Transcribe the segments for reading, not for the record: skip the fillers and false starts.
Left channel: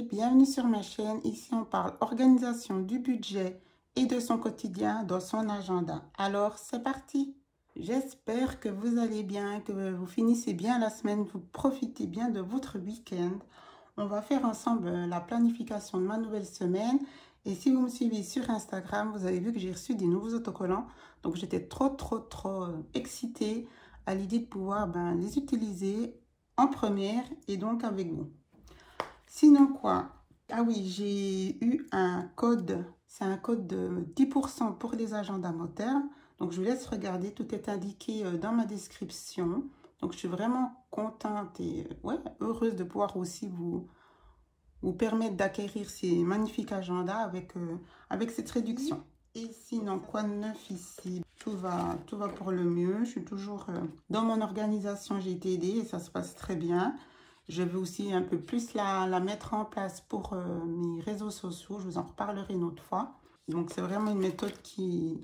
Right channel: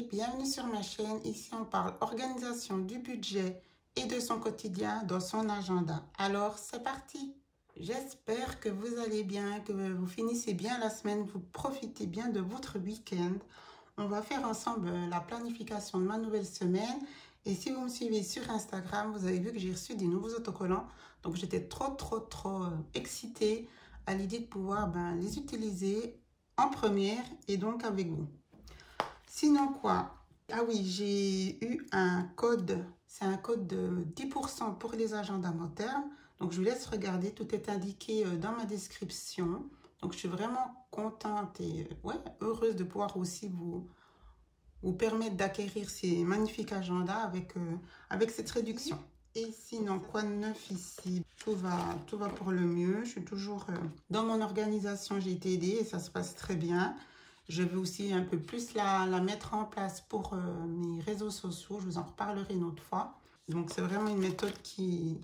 santé, bienvenue sur ma chaîne. Ici on parle organisation du budget et de son quotidien dans son agenda. Alors c'est parti. J'espère que vous allez bien, que vous finissez bien la semaine, vous profitez bien de votre week-end. On va faire ensemble la planification de ma nouvelle semaine. Et si vous me suivez sur Instagram, vous avez vu que j'ai reçu des nouveaux autocollants. Donc j'étais trop excitée à l'idée de pouvoir les utiliser en première et donc avec vous. Sinon quoi? Ah oui, j'ai eu un code. C'est un code de 10% pour les agendas mot terme. Donc je vous laisse regarder, tout est indiqué dans ma description. Donc je suis vraiment contente et heureuse de pouvoir aussi vous permettre d'acquérir ces magnifiques agendas avec cette réduction. Et sinon, quoi de neuf ici? Tout va pour le mieux. Je suis toujours dans mon organisation, j'ai été aidée et ça se passe très bien. Je veux aussi un peu plus la mettre en place pour mes réseaux sociaux. Je vous en reparlerai une autre fois. Donc, c'est vraiment une méthode qui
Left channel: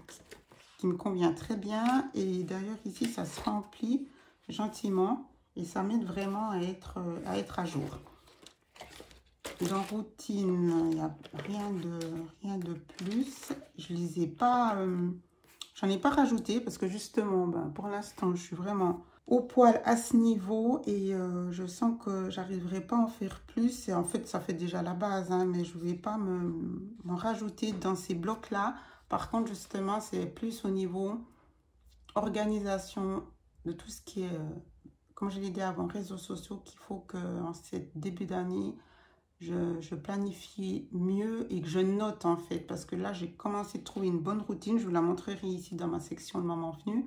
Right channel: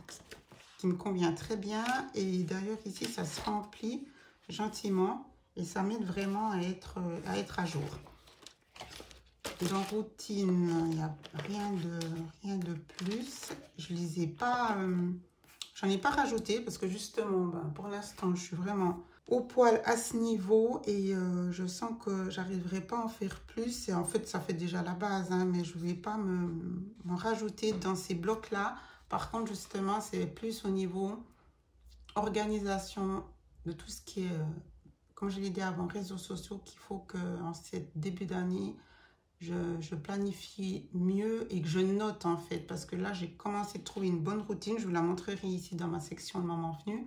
me convient très bien. Et d'ailleurs, ici, ça se remplit gentiment et ça m'aide vraiment à être à jour. Dans routine, il n'y a rien de plus. Je les ai pas, j'en ai pas rajouté parce que justement, pour l'instant, je suis vraiment au poil à ce niveau et je sens que j'arriverai pas à en faire plus. Et en fait, ça fait déjà la base, hein, mais je ne vais pas me rajouter dans ces blocs-là. Par contre, justement, c'est plus au niveau organisation de tout ce qui est, comme je l'ai dit avant, réseaux sociaux, qu'il faut qu'en ce début d'année, je planifie mieux et que je note en fait, parce que là j'ai commencé à trouver une bonne routine. Je vous la montrerai ici dans ma section de moment venu,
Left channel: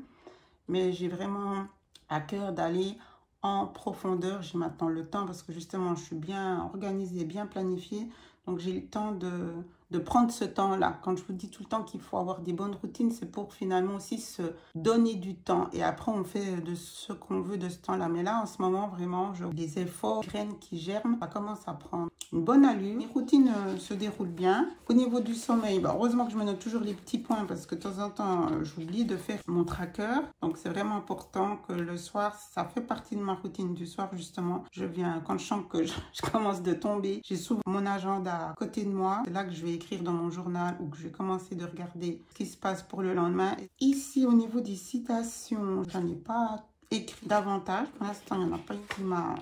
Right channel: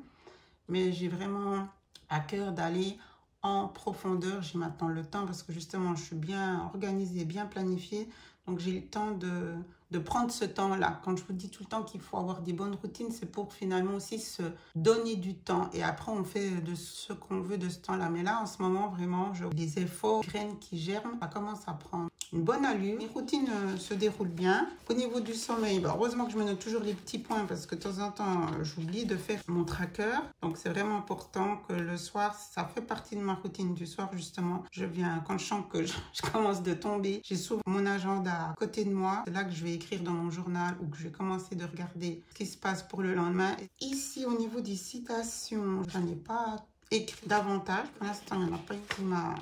mais j'ai vraiment à cœur d'aller en profondeur. J'ai maintenant le temps parce que justement je suis bien organisée, bien planifiée, donc j'ai le temps de prendre ce temps là. Quand je vous dis tout le temps qu'il faut avoir des bonnes routines, c'est pour finalement aussi se donner du temps et après on fait de ce qu'on veut de ce temps là. Mais là en ce moment vraiment des efforts, graines qui germent, ça commence à prendre une bonne allure. Les routines se déroulent bien. Au niveau du sommeil, heureusement que je me note toujours les petits points parce que de temps en temps j'oublie de faire mon tracker, donc c'est vraiment important que le soir, ça fait partie de ma routine du soir justement. Je viens, quand je sens que je commence de tomber, j'ai souvent mon agenda à côté de moi. C'est là que je vais écrire dans mon journal ou que je vais commencer de regarder ce qui se passe pour le lendemain. Ici au niveau des citations, j'en ai pas écrit davantage. Pour l'instant, il n'y en a pas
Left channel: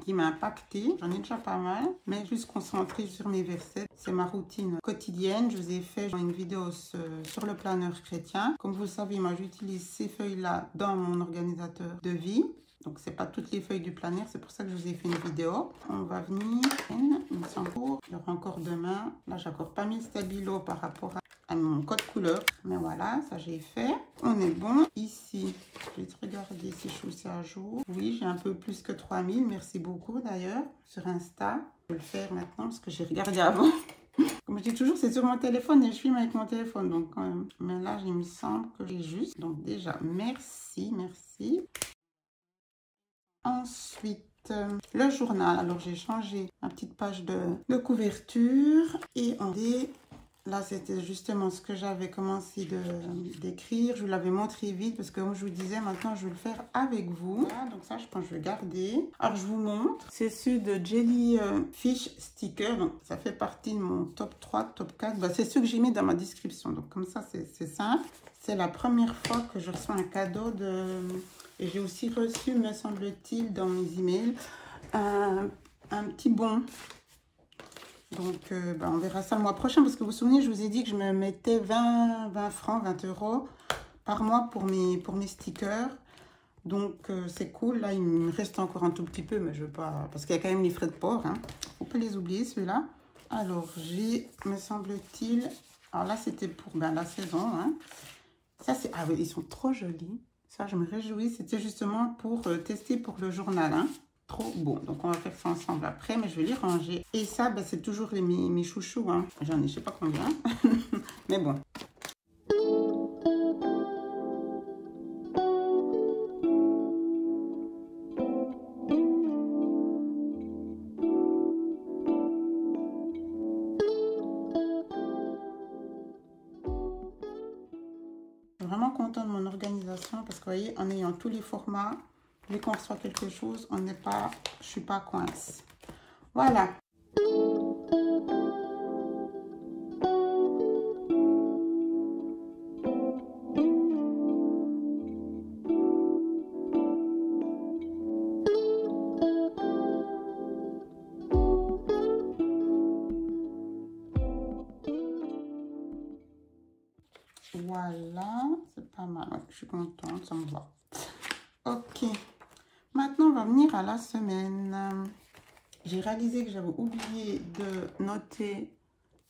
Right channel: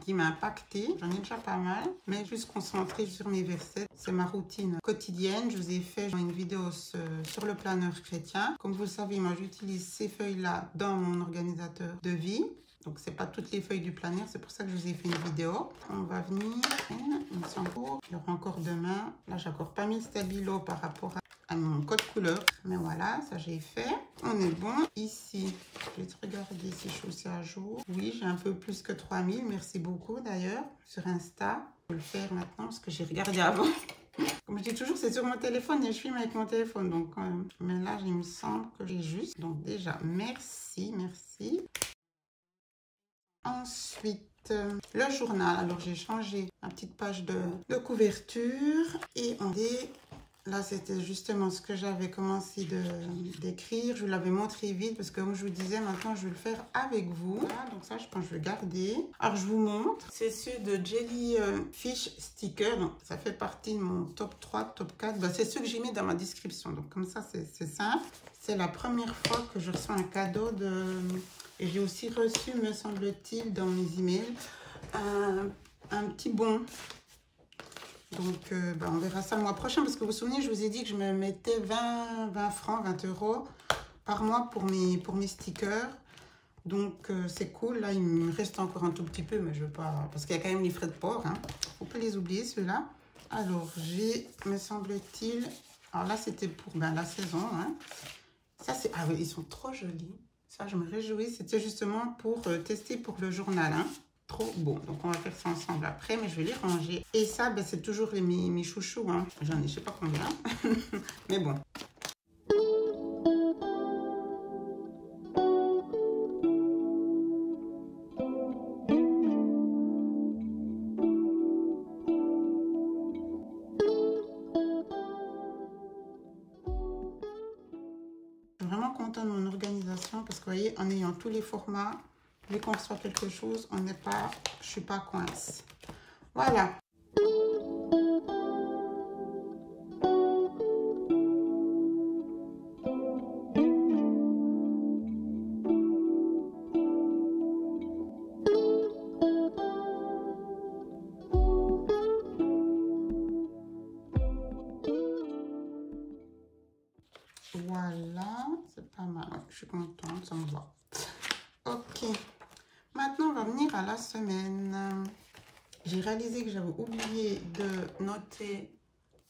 qui m'a impacté. J'en ai déjà pas mal, mais juste concentré sur mes versets. C'est ma routine quotidienne. Je vous ai fait une vidéo sur le planeur chrétien. Comme vous le savez, moi, j'utilise ces feuilles-là dans mon organisateur de vie. Donc, c'est pas toutes les feuilles du planeur. C'est pour ça que je vous ai fait une vidéo. On va venir. Il me semble qu'il y aura encore demain. Là, j'ai encore pas mis le stabilo par rapport à mon code couleur, mais voilà, ça j'ai fait. On est bon. Ici, je vais regarder si je suis aussi à jour. Oui, j'ai un peu plus que 3000. Merci beaucoup d'ailleurs sur Insta. Je vais le faire maintenant parce que j'ai regardé avant. Comme je dis toujours, c'est sur mon téléphone et je filme avec mon téléphone. Donc, mais là, il me semble que j'ai juste. Donc déjà, merci. Ensuite, le journal. Alors, j'ai changé ma petite page de couverture et on dit. Là, c'était justement ce que j'avais commencé d'écrire. Je vous l'avais montré vite parce que comme je vous disais, maintenant, je vais le faire avec vous. Voilà, donc ça, je pense que je vais le garder. Alors, je vous montre. C'est celui de Jellyfish Sticker. Donc, ça fait partie de mon top 3, top 4. C'est ce que j'ai mis dans ma description. Donc, comme ça, c'est simple. C'est la première fois que je reçois un cadeau Et j'ai aussi reçu, me semble-t-il, dans mes emails, un petit bon. Donc, on verra ça le mois prochain parce que vous vous souvenez, je vous ai dit que je me mettais 20 francs, 20 € par mois pour mes stickers. Donc, c'est cool. Là, il me reste encore un tout petit peu, mais je veux pas... Parce qu'il y a quand même les frais de port. Hein. On peut les oublier, ceux-là. Alors, j'ai, me semble-t-il... Alors là, c'était pour la saison. Hein. Ça, c'est... Ah oui, ils sont trop jolis. Ça, je me réjouis. C'était justement pour tester pour le journal. Hein. Trop beau. Donc, on va faire ça ensemble après, mais je vais les ranger. Et ça, c'est toujours mes chouchous. Hein. J'en ai, je sais pas combien. Mais bon. Je suis vraiment contente de mon organisation parce que, vous voyez, en ayant tous les formats, dès qu'on reçoit quelque chose, je suis pas coince. Voilà. à la semaine. J'ai réalisé que j'avais oublié de noter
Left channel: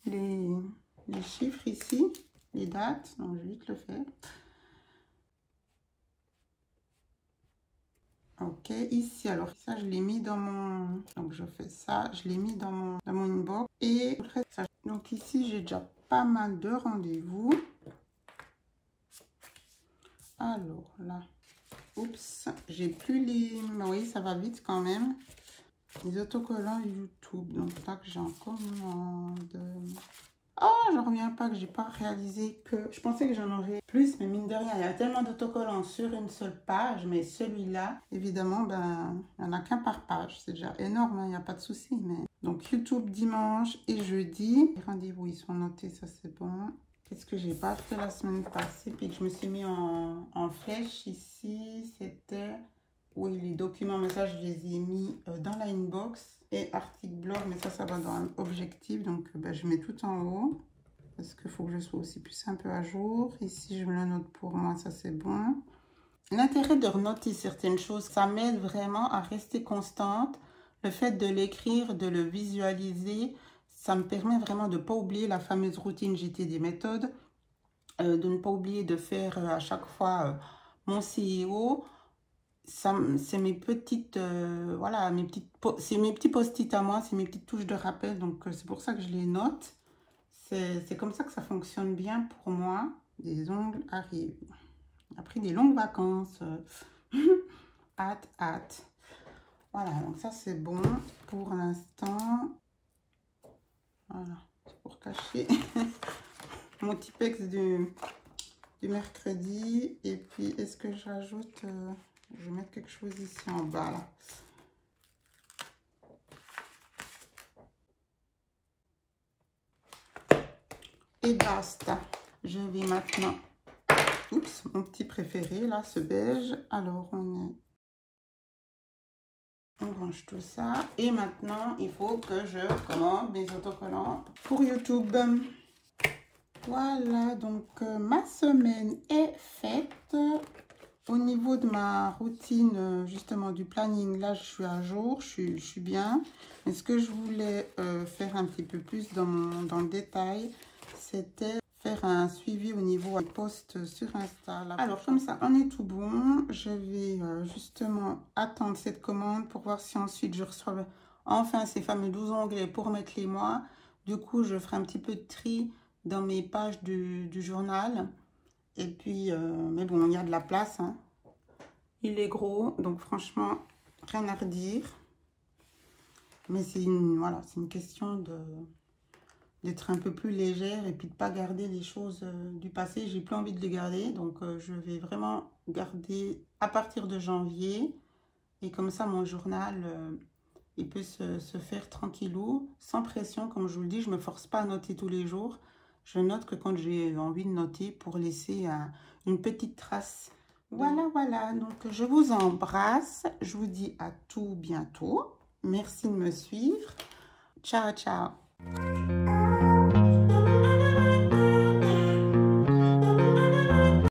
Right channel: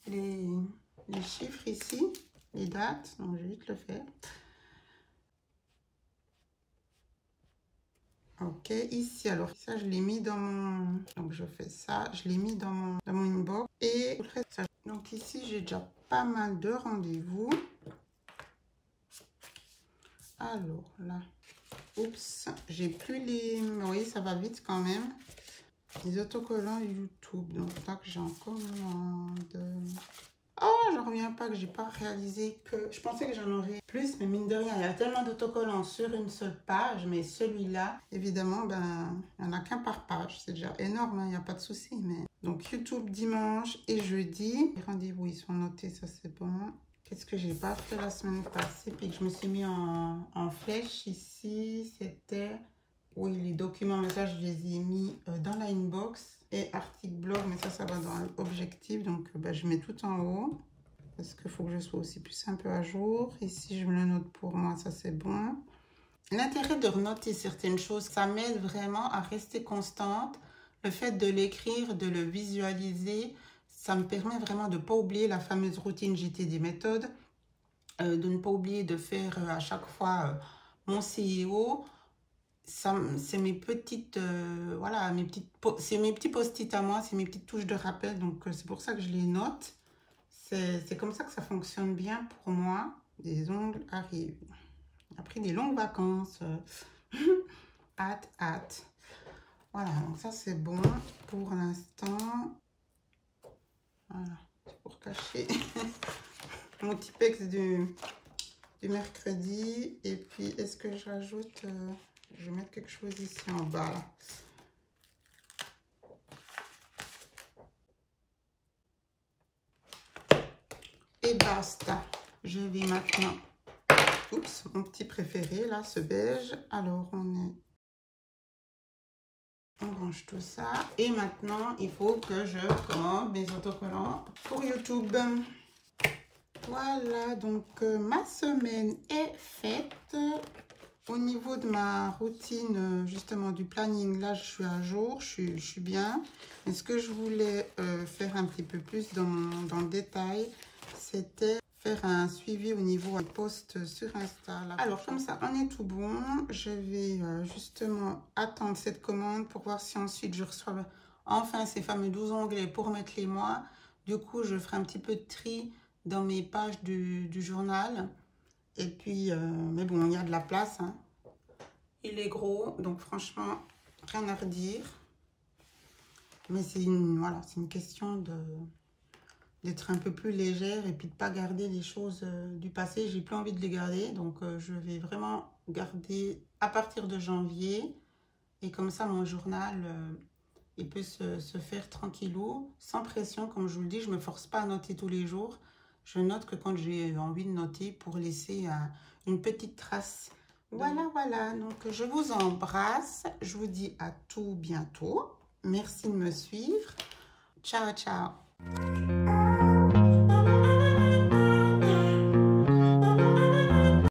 les chiffres ici, les dates, donc je vais vite le faire. Ok, ici, alors ça, je l'ai mis dans mon... Donc, je fais ça, je l'ai mis dans mon inbox. Et donc ici, j'ai déjà pas mal de rendez-vous. Alors, là, oups, j'ai plus les... Oui, ça va vite quand même. Les autocollants YouTube. Donc, là, que j'en commande... Oh, je reviens pas que j'ai pas réalisé que... Je pensais que j'en aurais plus, mais mine de rien, il y a tellement d'autocollants sur une seule page. Mais celui-là, évidemment, ben, il n'y en a qu'un par page. C'est déjà énorme, il n'y a pas de souci. Mais... Donc, YouTube dimanche et jeudi. Les rendez-vous, ils sont notés, ça c'est bon. Qu'est-ce que j'ai pas fait la semaine passée? Puis que je me suis mis en flèche ici. C'était... Oui, les documents, mais ça, je les ai mis dans la inbox. Et article blog, mais ça va dans l'objectif. Donc, ben, je mets tout en haut. Parce qu'il faut que je sois aussi plus un peu à jour. Ici, je me le note pour moi, ça c'est bon. L'intérêt de renoter certaines choses, ça m'aide vraiment à rester constante. Le fait de l'écrire, de le visualiser, ça me permet vraiment de ne pas oublier la fameuse routine JT des méthodes. De ne pas oublier de faire à chaque fois mon CEO. C'est mes petites, voilà, c'est mes petits post-it à moi, c'est mes petites touches de rappel, donc c'est pour ça que je les note. C'est comme ça que ça fonctionne bien pour moi. Des ongles arrivent. Après des longues vacances, hâte. Voilà, donc ça c'est bon pour l'instant. Voilà, c'est pour cacher mon Tipex du mercredi. Et puis, est-ce que j'ajoute... je vais mettre quelque chose ici en bas. Là. Et basta. Je vais maintenant... Oups, mon petit préféré, là, ce beige. Alors, on range tout ça. Et maintenant, il faut que je commande mes autocollants pour YouTube. Voilà, donc ma semaine est faite. Au niveau de ma routine, justement, du planning, là, je suis à jour, je suis bien. Mais ce que je voulais faire un petit peu plus dans le détail, c'était faire un suivi au niveau des posts sur Insta. Là. Alors, comme ça, on est tout bon. Je vais justement attendre cette commande pour voir si ensuite je reçois enfin ces fameux 12 onglets pour mettre les mois. Du coup, je ferai un petit peu de tri dans mes pages du journal. Et puis, mais bon, il y a de la place. Hein. Il est gros, donc franchement, rien à redire. Mais c'est voilà, c'est une question d'être un peu plus légère et puis de ne pas garder les choses du passé. J'ai plus envie de les garder, donc je vais vraiment garder à partir de janvier. Et comme ça, mon journal, il peut se faire tranquillou, sans pression. Comme je vous le dis, je ne me force pas à noter tous les jours. Je note que quand j'ai envie de noter pour laisser une petite trace. Voilà. Donc, je vous embrasse. Je vous dis à tout bientôt. Merci de me suivre. Ciao.